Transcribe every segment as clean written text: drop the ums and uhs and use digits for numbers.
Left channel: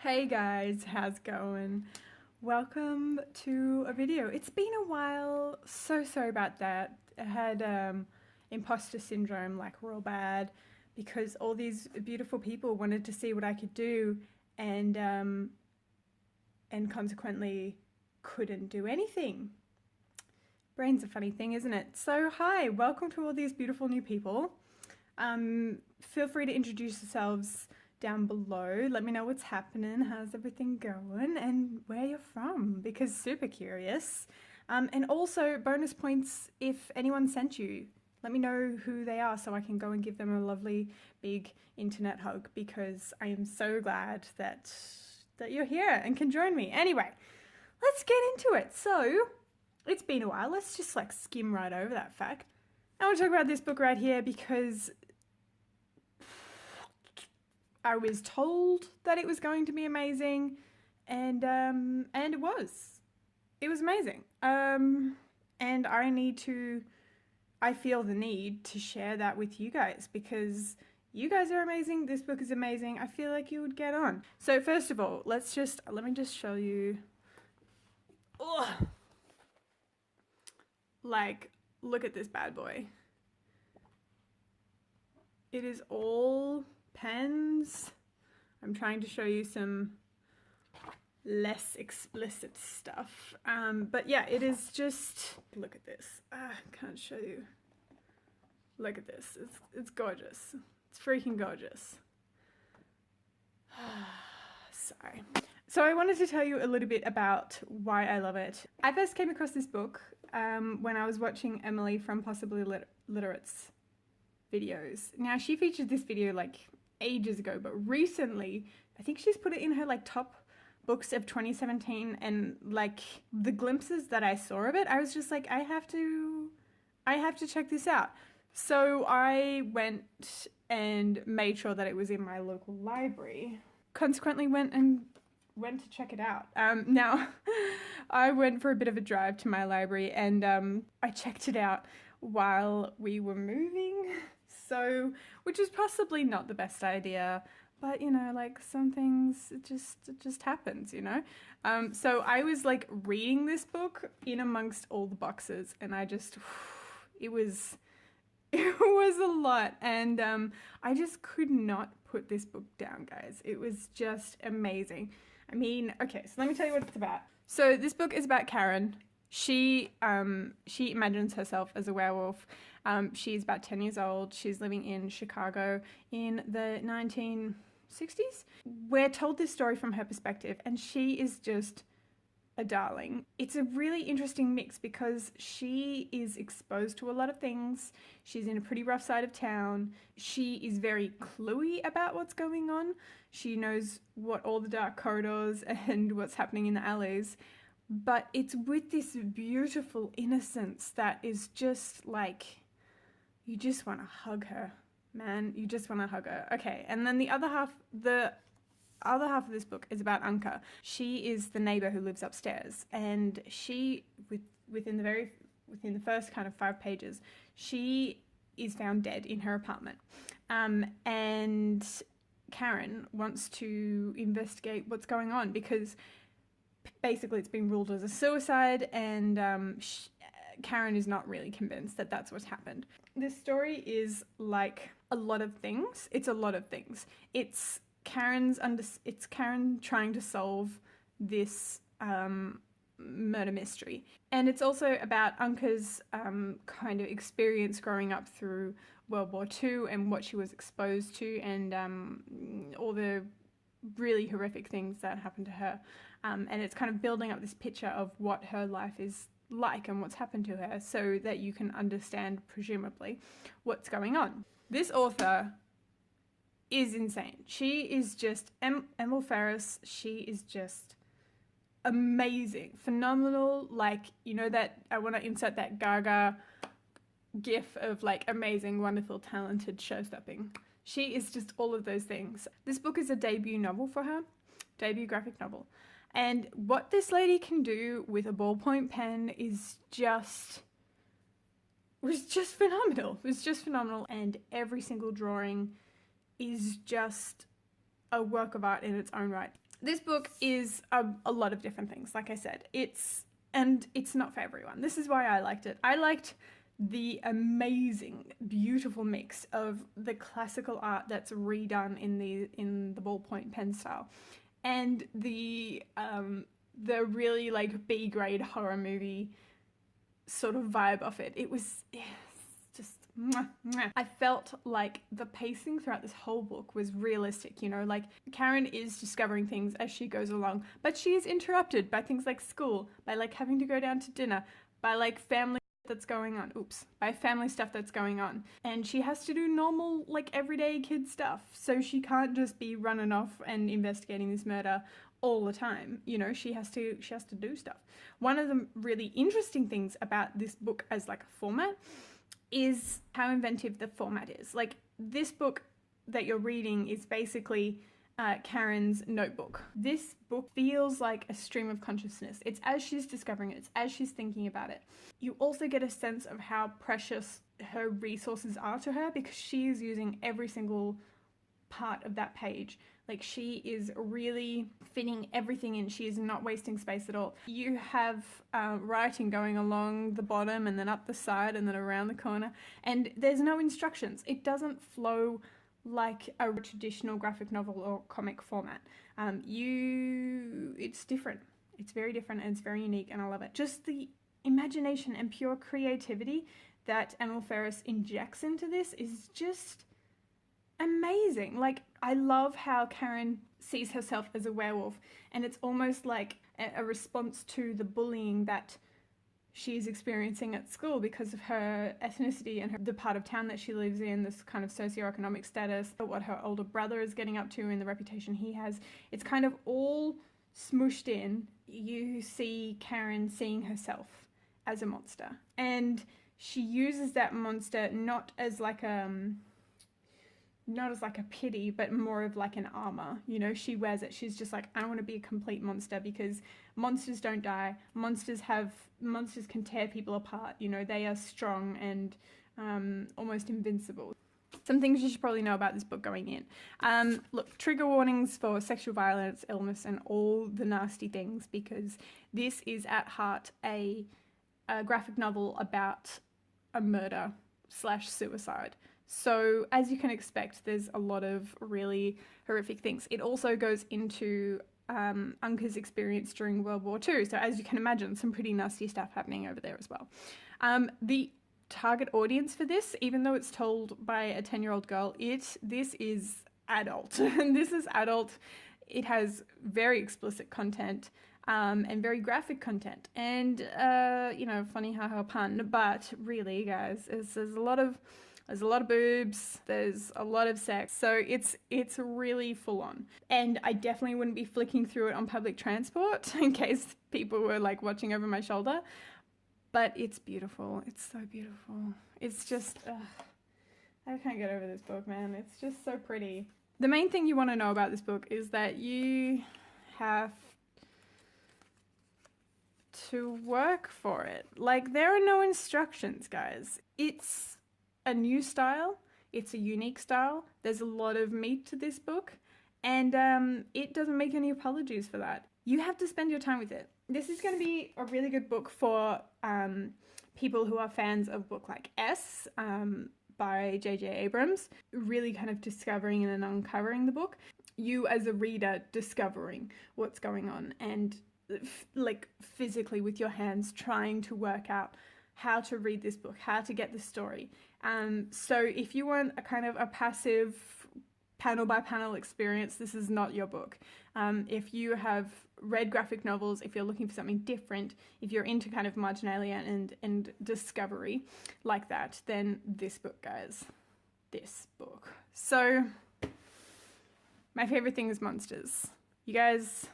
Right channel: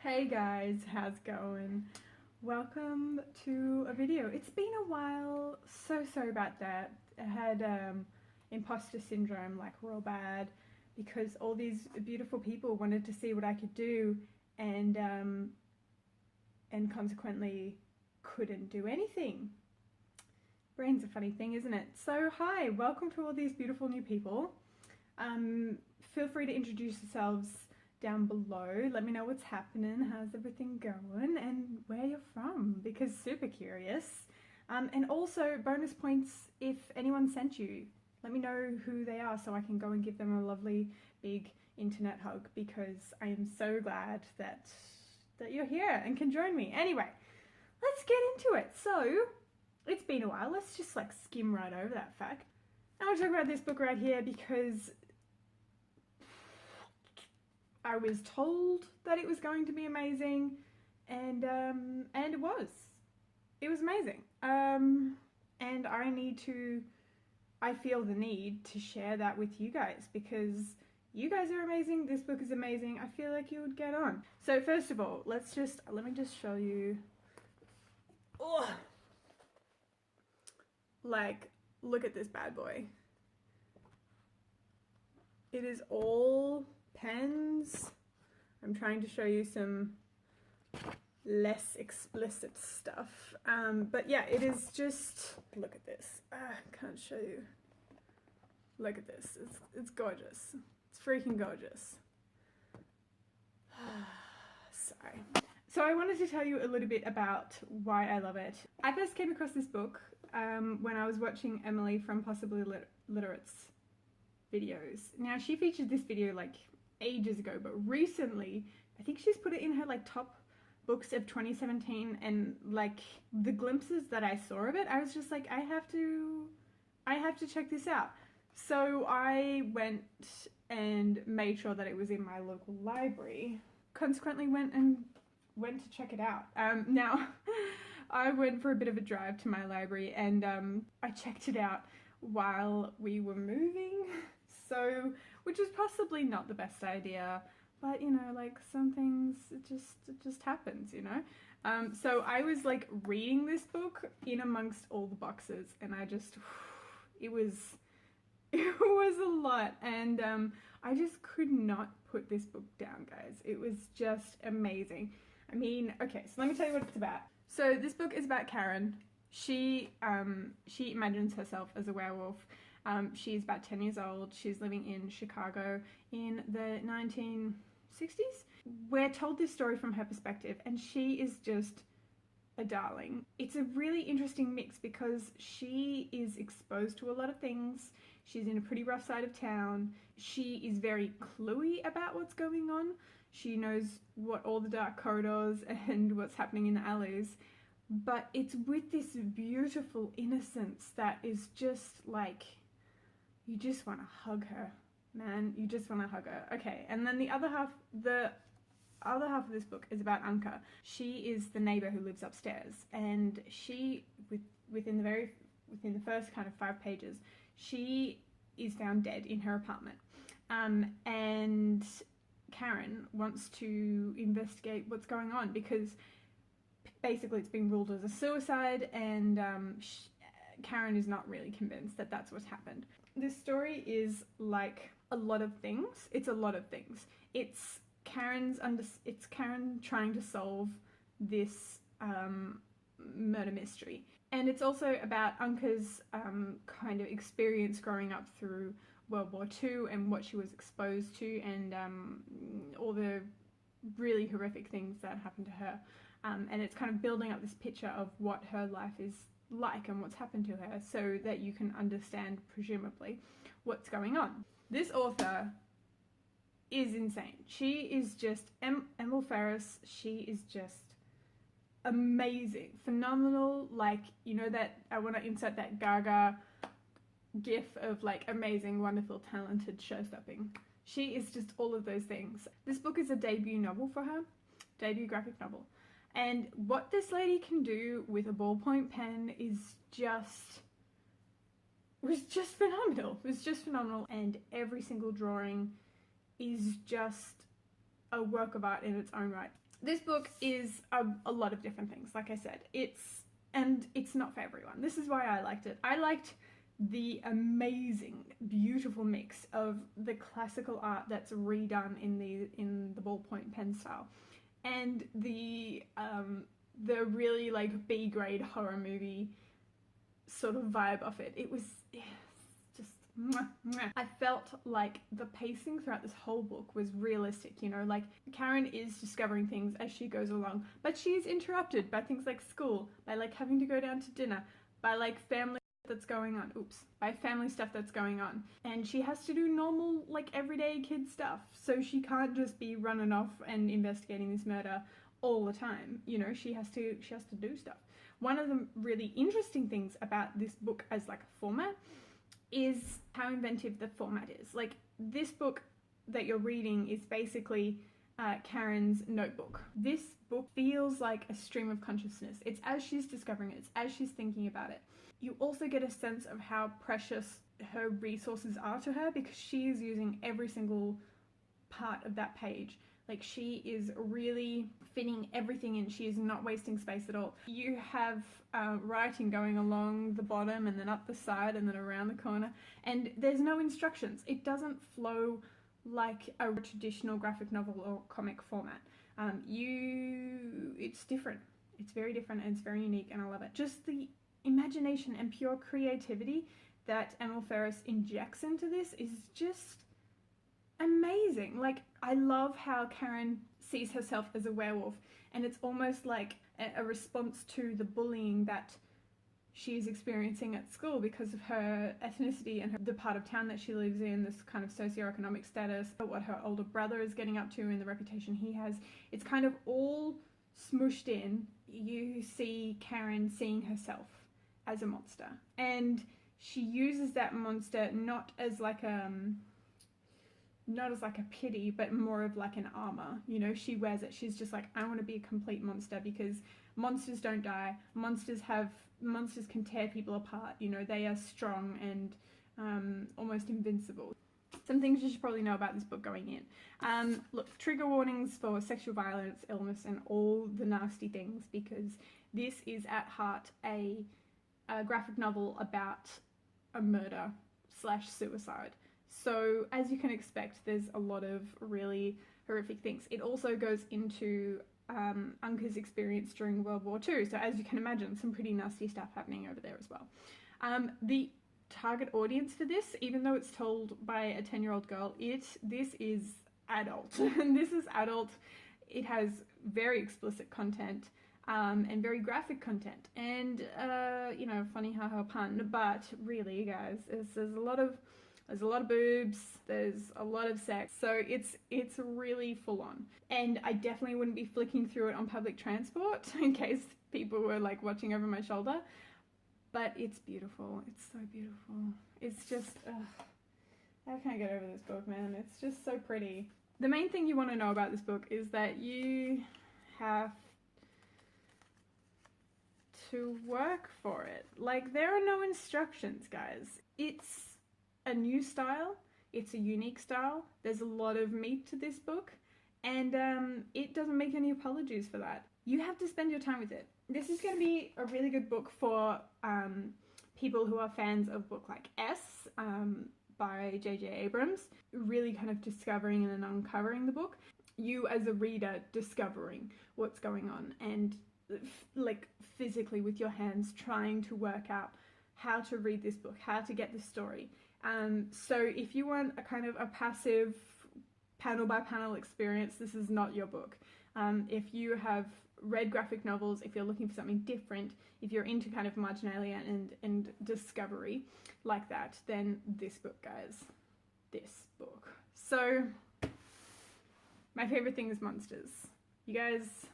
Hey guys, how's it going? Welcome to a video. It's been a while, so sorry about that. I had imposter syndrome like real bad because all these beautiful people wanted to see what I could do and consequently couldn't do anything. Brain's a funny thing, isn't it? So hi, welcome to all these beautiful new people. Feel free to introduce yourselves down below. Let me know what's happening, how's everything going, and where you're from, because super curious. And also bonus points if anyone sent you. Let me know who they are so I can go and give them a lovely big internet hug, because I am so glad that you're here and can join me. Anyway, let's get into it. So, it's been a while. Let's just like skim right over that fact. I want to talk about this book right here because I was told that it was going to be amazing, and it was. It was amazing. And I feel the need to share that with you guys because you guys are amazing. This book is amazing. I feel like you would get on. So first of all, let me just show you. Ugh. Like, look at this bad boy. It is all pens. I'm trying to show you some less explicit stuff. But yeah, it is just, look at this. I can't show you. Look at this. It's gorgeous. It's freaking gorgeous. Sorry. So I wanted to tell you a little bit about why I love it. I first came across this book when I was watching Emily from Possibly Literate's videos. Now, she featured this video like ages ago, but recently I think she's put it in her like top books of 2017, and like the glimpses that I saw of it, I was just like, I have to check this out. So I went and made sure that it was in my local library. Consequently went to check it out. Now, I went for a bit of a drive to my library and I checked it out while we were moving. So, which is possibly not the best idea, but you know, like some things, it just happens, you know? So I was like reading this book in amongst all the boxes, and it was a lot, and I just could not put this book down, guys. It was just amazing. I mean, okay, so let me tell you what it's about. So this book is about Karen. She imagines herself as a werewolf. She's about 10 years old. She's living in Chicago in the 1960s. We're told this story from her perspective, and she is just a darling. It's a really interesting mix because she is exposed to a lot of things. She's in a pretty rough side of town. She is very cluey about what's going on. She knows what all the dark corridors and what's happening in the alleys. But it's with this beautiful innocence that is just like, you just want to hug her, man. You just want to hug her. Okay, and then the other half of this book is about Unka. She is the neighbor who lives upstairs, and she, within the first kind of 5 pages, she is found dead in her apartment. And Karen wants to investigate what's going on because basically it's been ruled as a suicide, and Karen is not really convinced that that's what's happened. This story is like a lot of things. It's a lot of things. It's Karen trying to solve this murder mystery, and it's also about Unka's kind of experience growing up through World War II and what she was exposed to, and all the really horrific things that happened to her, and it's kind of building up this picture of what her life is like and what's happened to her so that you can understand, presumably, what's going on. This author is insane. She is just Emil Ferris. She is just amazing, phenomenal. Like, you know, that I want to insert that Gaga gif of like amazing, wonderful, talented, show-stopping. She is just all of those things. This book is a debut novel for her, debut graphic novel. And what this lady can do with a ballpoint pen was just phenomenal. It was just phenomenal. And every single drawing is just a work of art in its own right. This book is a lot of different things, like I said. It's not for everyone. This is why I liked it. I liked the amazing, beautiful mix of the classical art that's redone in the ballpoint pen style, and the really like B-grade horror movie sort of vibe of it. It was just mwah, mwah. I felt like the pacing throughout this whole book was realistic, you know, like Karen is discovering things as she goes along, but she is interrupted by things like school, by like having to go down to dinner, by like family that's going on, by family stuff that's going on, and she has to do normal like everyday kid stuff, so she can't just be running off and investigating this murder all the time, you know. She has to do stuff. One of the really interesting things about this book as like a format is how inventive the format is. Like, this book that you're reading is basically Karen's notebook. This book feels like a stream of consciousness. It's as she's discovering it, it's as she's thinking about it. You also get a sense of how precious her resources are to her, because she is using every single part of that page. Like, she is really fitting everything in. She is not wasting space at all. You have writing going along the bottom and then up the side and then around the corner, and there's no instructions. It doesn't flow like a traditional graphic novel or comic format. It's different. It's very different and it's very unique, and I love it. Just the imagination and pure creativity that Emil Ferris injects into this is just amazing. Like, I love how Karen sees herself as a werewolf, and it's almost like a response to the bullying that she's experiencing at school because of her ethnicity and the part of town that she lives in, this kind of socioeconomic status, what her older brother is getting up to and the reputation he has. It's kind of all smooshed in. You see Karen seeing herself as a monster, and she uses that monster not as like a pity, but more of like an armor. You know, she wears it. She's just like, I want to be a complete monster, because monsters don't die. Monsters can tear people apart. You know, they are strong and almost invincible. Some things you should probably know about this book going in. Look, trigger warnings for sexual violence, illness, and all the nasty things, because this is at heart a graphic novel about a murder / suicide. So, as you can expect, there's a lot of really horrific things. It also goes into Unka's experience during World War II. So, as you can imagine, some pretty nasty stuff happening over there as well. The target audience for this, even though it's told by a 10-year-old girl, this is adult. This is adult. It has very explicit content. And very graphic content, and you know, funny haha pun, but really, guys, there's a lot of boobs, there's a lot of sex, so it's really full on. And I definitely wouldn't be flicking through it on public transport in case people were like watching over my shoulder. But it's beautiful. It's so beautiful. It's just, I can't get over this book, man. It's just so pretty. The main thing you want to know about this book is that you have to work for it. Like, there are no instructions, guys. It's a new style. It's a unique style. There's a lot of meat to this book, and it doesn't make any apologies for that. You have to spend your time with it. This is going to be a really good book for people who are fans of book like S by J.J. Abrams, really kind of discovering and uncovering the book. You as a reader discovering what's going on, and like physically with your hands trying to work out how to read this book, how to get the story. So if you want a kind of a passive panel by panel experience, this is not your book. If you have read graphic novels, if you're looking for something different, if you're into kind of marginalia and discovery like that, then this book, guys, this book. So my favorite thing is monsters. You guys,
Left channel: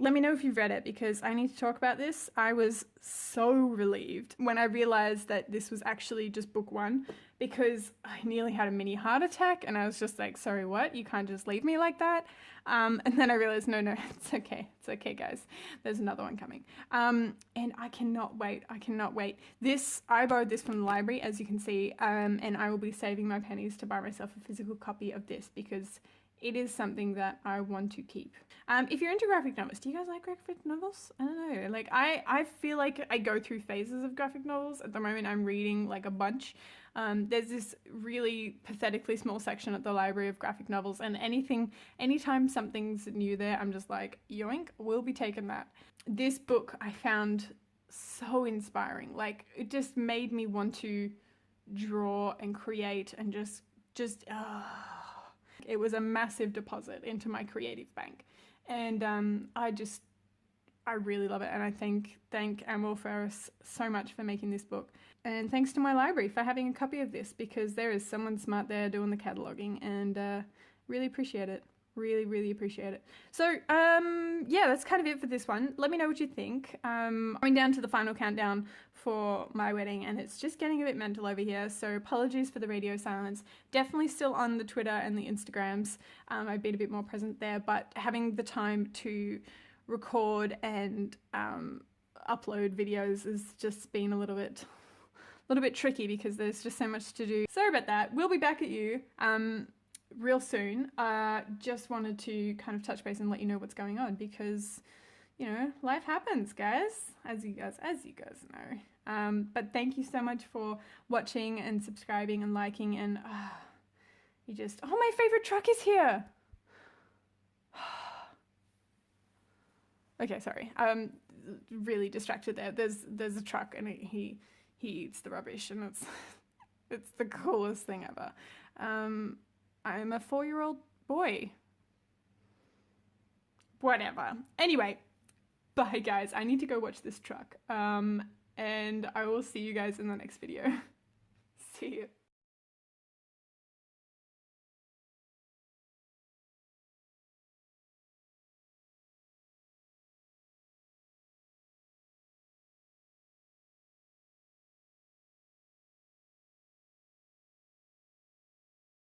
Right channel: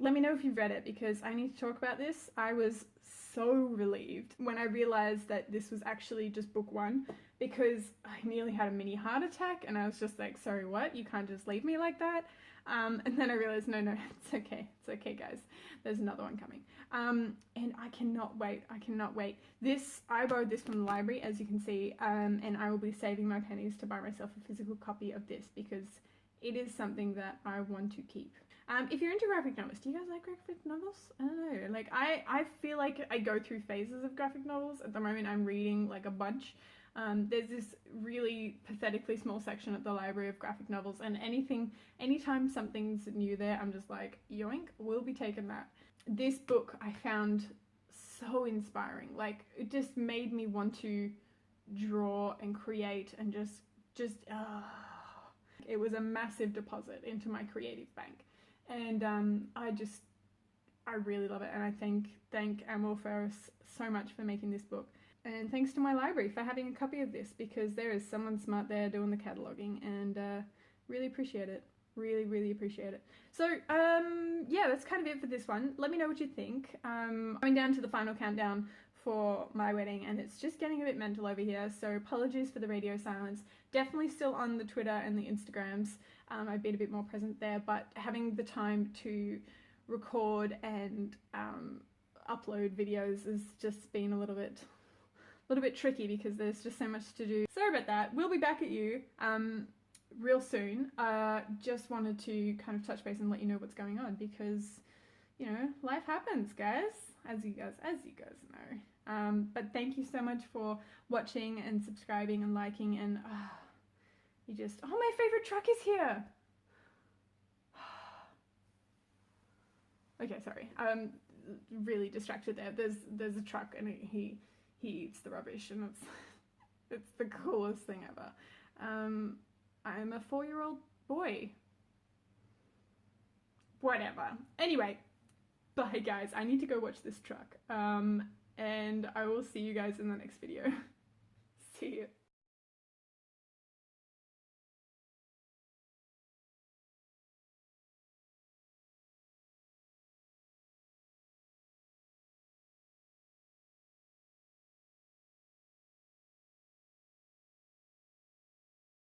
let me know if you've read it, because I need to talk about this. I was so relieved when I realized that this was actually just book one, because I nearly had a mini heart attack, and I was just like, sorry, what? You can't just leave me like that? And then I realized, no, it's okay. It's okay, guys. There's another one coming. And I cannot wait. I borrowed this from the library, as you can see, and I will be saving my pennies to buy myself a physical copy of this, because it is something that I want to keep. If you're into graphic novels, do you guys like graphic novels? I don't know. Like I feel like I go through phases of graphic novels. At the moment, I'm reading like a bunch. There's this really pathetically small section at the library of graphic novels, and anytime something's new there, I'm just like, yoink, we'll be taking that. This book I found so inspiring. Like, it just made me want to draw and create and it was a massive deposit into my creative bank. And I really love it, and I thank Emil Ferris so much for making this book. And thanks to my library for having a copy of this, because there is someone smart there doing the cataloguing, and really appreciate it. Really appreciate it. So, yeah, that's kind of it for this one. Let me know what you think. Going down to the final countdown for my wedding, and it's just getting a bit mental over here, so apologies for the radio silence. Definitely still on the Twitter and the Instagrams. I've been a bit more present there, but having the time to record and upload videos has just been a little bit tricky because there's just so much to do. Sorry about that. We'll be back at you real soon. Just wanted to kind of touch base and let you know what's going on, because you know, life happens, guys, as you guys know. But thank you so much for watching and subscribing and liking, and oh, my favorite truck is here. Okay, sorry. Really distracted there. There's a truck, and he eats the rubbish, and it's the coolest thing ever. I'm a 4-year-old boy. Whatever. Anyway, bye guys. I need to go watch this truck. And I will see you guys in the next video. See you.